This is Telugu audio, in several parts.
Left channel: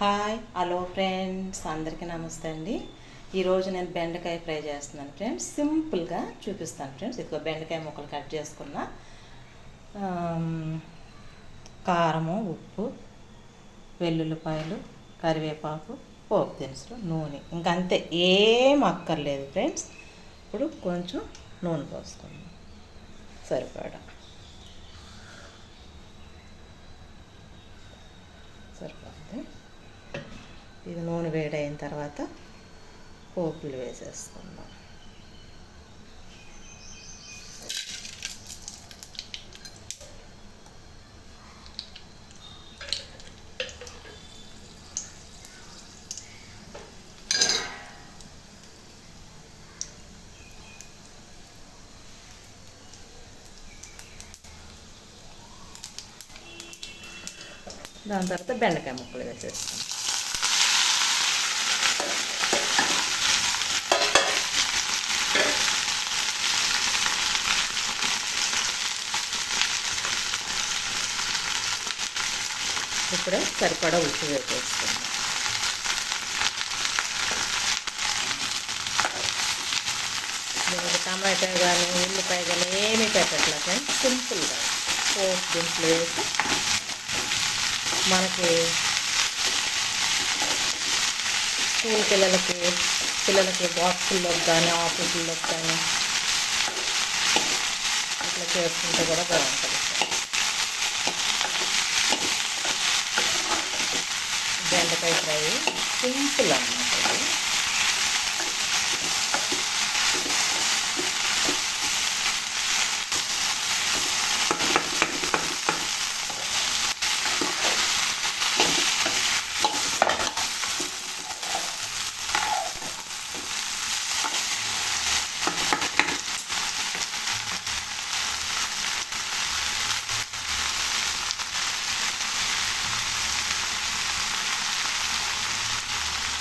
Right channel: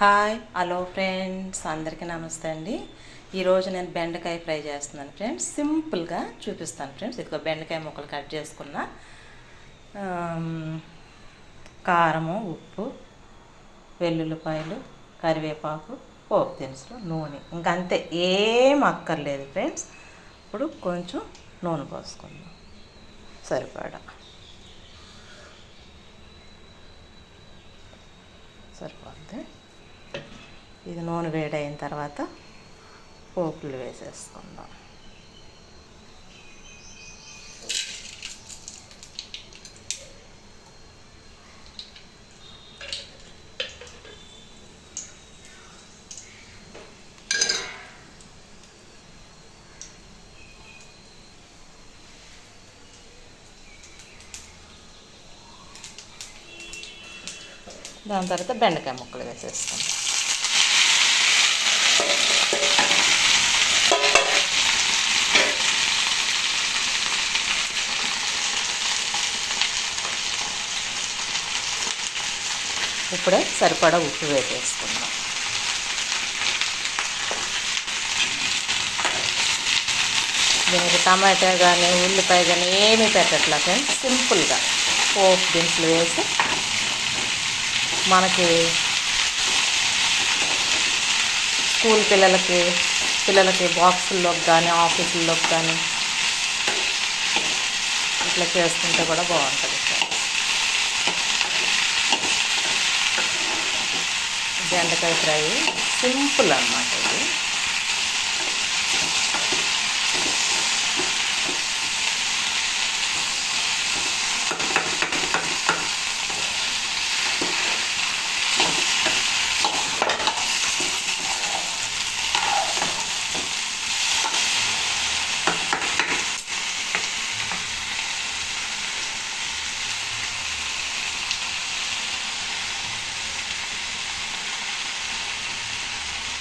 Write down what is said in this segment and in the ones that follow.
హాయ్ హలో ఫ్రెండ్స్ అందరికీ నమస్తే అండి. ఈరోజు నేను బెండకాయ ఫ్రై చేస్తున్నాను ఫ్రెండ్స్ సింపుల్గా చూపిస్తాను ఫ్రెండ్స్ ఇదిగో బెండకాయ ముక్కలు కట్ చేసుకున్న. కారము ఉప్పు వెల్లుల్లిపాయలు కరివేపాకు పోపు దినుసులు నూనె. ఇంకా అంతే. ఏం అక్కర్లేదు ఫ్రెండ్స్ ఇప్పుడు కొంచెం నూనె పోసుకుందాం. సరిపడా. సరిపోతే ఇది నూనె వేడైన తర్వాత పోపులు వేసేసుకుందాం. దాని తర్వాత బెండకాయ ముక్కలు వేసేస్తాం ఇప్పుడే సరిపడా ఉప్పు వేసేసుకుందాం దీనికి టమాటా కానీ ఉల్లిపాయ కానీ ఏమీ పెట్టట్లా ఫ్రెండ్స్ సింపుల్గా. పోపు దినుసులు వేసి మనకి స్కూల్ పిల్లలకి పిల్లలకి బాక్సుల్లోకి కానీ ఆఫీసుల్లోకి కానీ ఇట్లా చేసుకుంటే కూడా బాగుంటుంది. బెండకాయ ఫ్రై సింపుల్ అన్నమాట ఇది.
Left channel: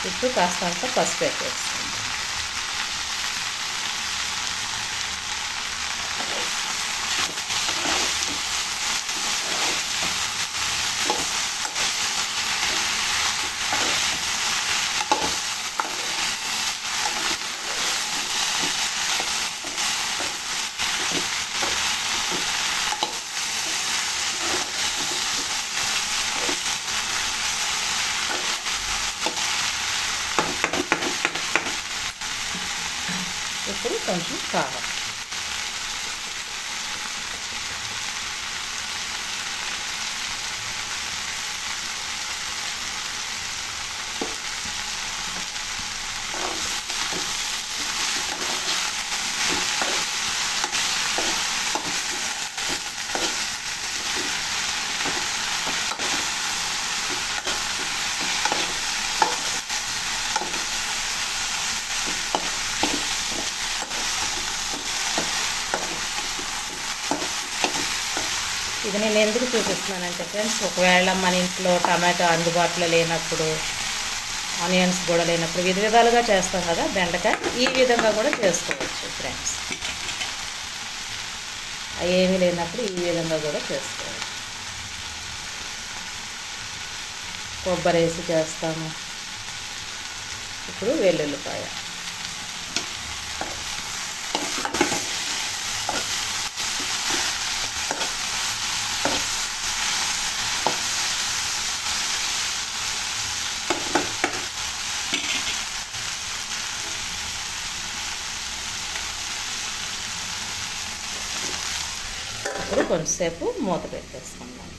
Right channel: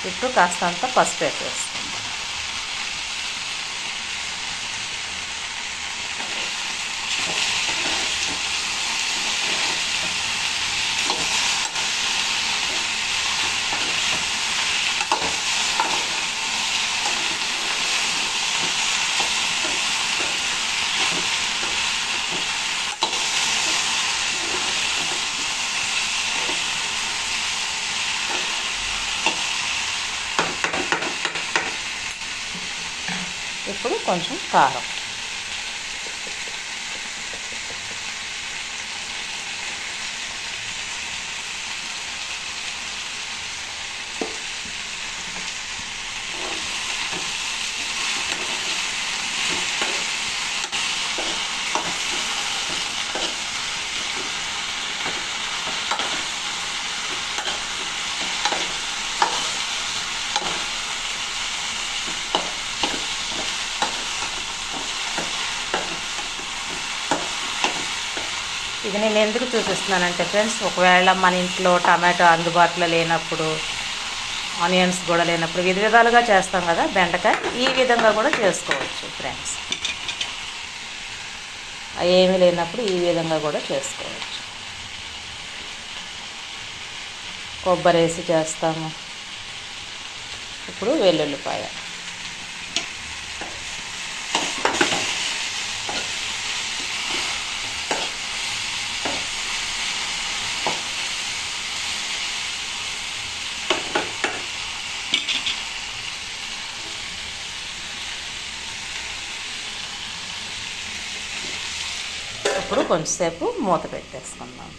చుట్టూ కాస్తంత పసుపు వేసేసుకుందాం ఇప్పుడు ఇది నేను ఎందుకు చూపిస్తున్నానంటే ఫ్రెండ్స్ ఒకవేళ మన ఇంట్లో టమాటో అందుబాటులో లేనప్పుడు ఆనియన్స్ కూడా లేనప్పుడు విధ విధాలుగా చేస్తాం కదా బెండకాయ ఈ విధంగా కూడా చేసుకోవచ్చు ఫ్రెండ్స్. అవి ఏమీ లేనప్పుడు ఈ విధంగా కూడా చేసుకోవచ్చు. కొబ్బరి వేసి చేస్తాము. ఇప్పుడు వెల్లుల్లిపాయ. ఇప్పుడు కొంచెంసేపు మూత పెట్టేసుకుందాం.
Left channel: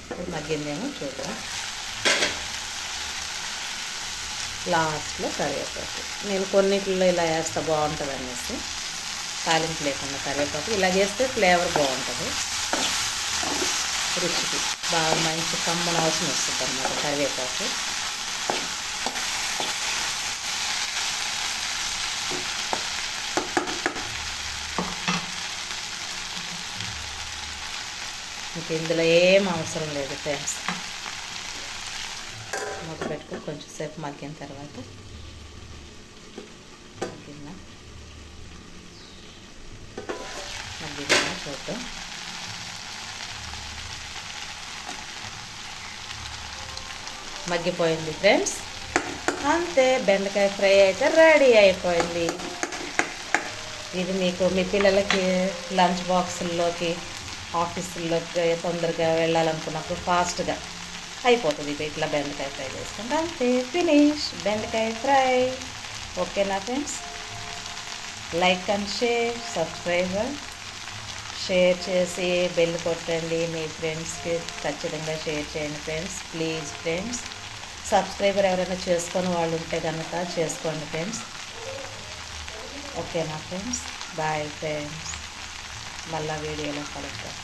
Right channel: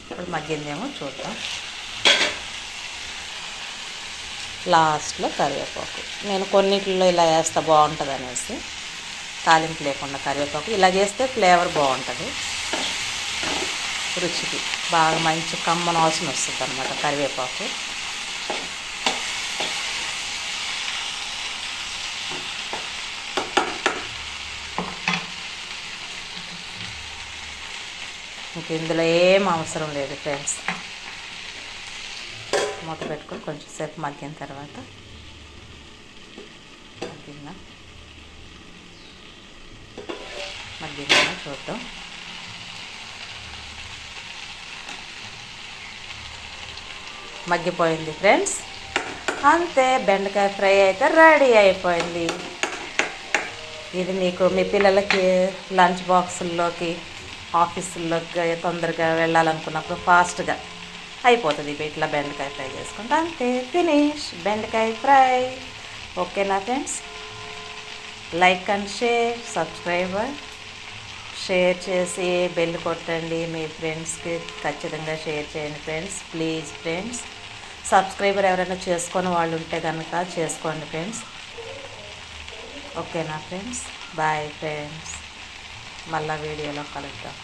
ఇప్పుడు మగ్గిందేమో చూద్దాం. లాస్ట్లో కరివేపాకు. నేను కొన్నిట్లో ఇలా వేస్తే బాగుంటుంది అనేసి తాలింపు లేకుండా కరివేపాకు. ఇలా చేస్తే ఫ్లేవర్ బాగుంటుంది. రుచికి బాగా మంచి కమ్మన వాసన వస్తుంది అనమాట కరివేపాకు. ఇంక ఇందులో ఏం అవసరం లేదు ఫ్రెండ్స్ మూత పెట్టుకుని కొంచెం సేపు మగ్గిన తర్వాత మగ్గిందా? మగ్గిందా చూద్దాం. మగ్గిపోయింది ఫ్రెండ్స్ అంతే బెండకాయ ఫ్రై అయితే రెడీ అయిపోయింది. ఇది మీకు మీ పిల్లలకి లంచ్ బాక్సుల్లోకి ఆఫీసుల్లోకి తొందరగా వెళ్ళాలనుకున్నప్పుడు ఫాస్ట్గా అయిపోతుంది. ఇట్లా బెండకాయ ఫ్రై చేసుకుంటే. అంతే ఫినిష్. బెండకాయ ఫ్రై. ఓకేనా friends? Like and share subscriber. Share చేసి బెల్ కొట్టండి మీ ఫ్రెండ్స్కి. ఖచ్చితంగా షేర్ చేయండి ఫ్రెండ్స్. Please friends. సబ్స్క్రైబర్ ఎవరైనా చేసుకొని వాళ్ళు ఉంటే కనుక చేసుకోండి ఫ్రెండ్స్. ఓకేనా friends? Bye friends. మళ్ళీ వీడియోలో కలుద్దాం